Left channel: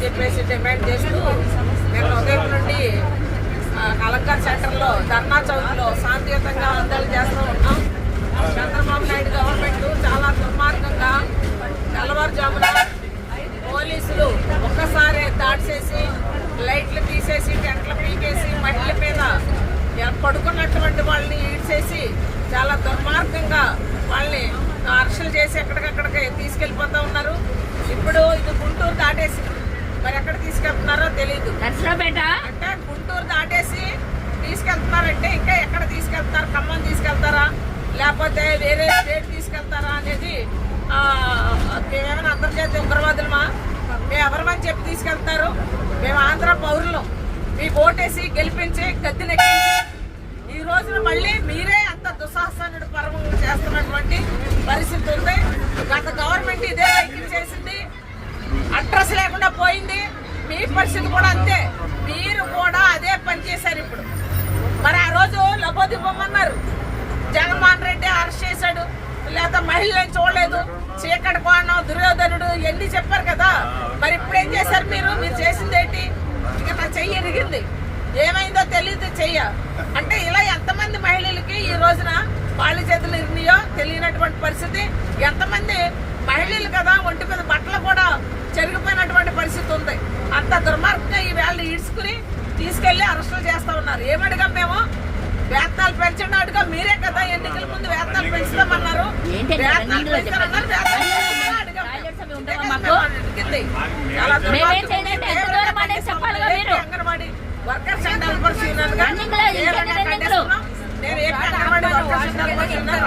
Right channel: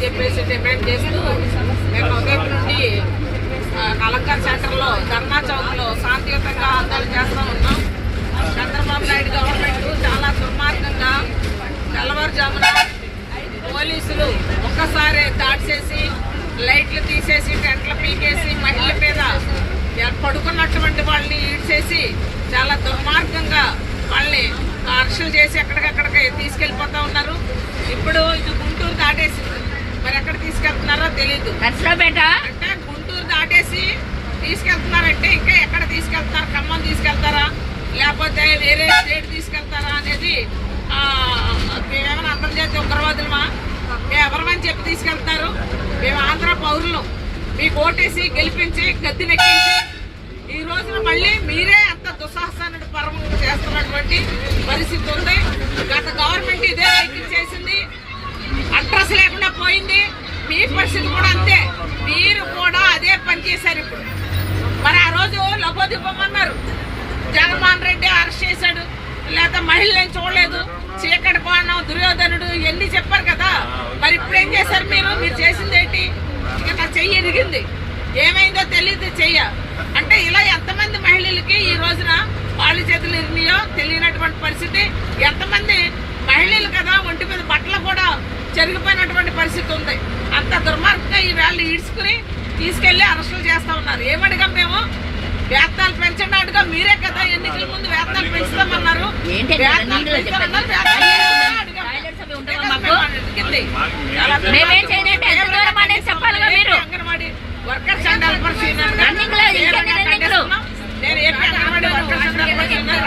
అని చెప్పేసి డిమాండ్ చేస్తూ మేము ఉదయం నుండి అలంకార్ సెంటర్లో ధర్నా చౌక్లో శాంతియుతంగా ఆందోళన చేస్తూ ఉన్నాం. చంద్రబాబు నాయుడు గవర్నమెంట్ చాలా దుర్మార్గంగా తెల్లవారుజామున పోలీసులు ఒక్కసారి దాడి చేసి లైట్లు తీసేసి టెంట్లు పీకేసి మహిళల మీద పడుకున్నటువంటి వాళ్ళని ఈడ్చేసి చాలా దుర్మార్గంగా వాళ్ళని అరెస్టులు చేసి ఎక్కడికక్కడికి తీసుకెళ్ళిపోతూ ఉన్నారు. ఇప్పుడు ఇది గుంటూరు దాటేసింది, మరి ఎక్కడ తీసుకెళ్తున్నారో తెలీదు. అంటే గుంటూరు దాటేసి తీసుకెళ్తున్నారంటే ఇంకా ఎక్కడ తీసుకెళ్తారు? ఖమ్మం తీసుకెళ్తారా లేకపోతే వేరే స్టేట్ తీసుకెళ్తారా అనేది ఏమైనా అంతర్జాతీయ ఉగ్రవాదులమా? మేము ఎవరమని చెప్పి తీసుకెళ్తారు? మేము ఆంధ్ర పౌరులం, మీకు ఓటేసి గెలిపించి గద్దెనెక్కించి ఈ రోజున మళ్ళీ మీరే అంత దుస్సాహసాన్ని పర్వం చేస్తున్నటువంటి పరిస్థితి ఉంది. గత గవర్నమెంట్ ఇదే వైఖరి చేసింది, అడ్రస్ లేకుండా పోయింది. మీ పరిస్థితి కూడా అంతే, మీరు కూడా అదే పని చేశారు. ఇప్పుడు మరి ఆ రోజు లబోదిబ్బమన్నారు, జగన్మోహన్ రెడ్డి అరెస్ట్ చేశాడు, లేదా మహిళలను చూడలేదు, చీకటి కోణం, దుర్యోధనుడు ఇవన్నీ చెప్పారు కదా. మరి ఇప్పుడు ఏం చేశారు? మీరు చేసింది ఏంటి? ఇక నా చెయ్యి ఎరిగింది, ఏమైందో తెలియదు చెయ్య అంటే ఇలా ఎంతమంది మహిళలకి ఈ రోజున వాళ్ళ చేతులు ఇరిగినాయో తెలియనటువంటి పరిస్థితి. ఎంతమంది మహిళలు కదా ఒంటి మీద బట్టలు కూడా చెరిగిపోయినటువంటి పరిస్థితి ఉంది. అంత దుర్మార్గంగా ఈ వేళ ఈడ్చుకుని తీసుకెళ్లి అరెస్టులు చేస్తా ఉన్నారు. ఏమడిగాం మేము? వేతనాలు పెంచండి అడిగా. మీరే కదా ఎన్నికల ముందు వేతనాలు పెంచుతామన్నారు. Anganwadi workers and helpers union నేను AP Anganwadi workers and helpers union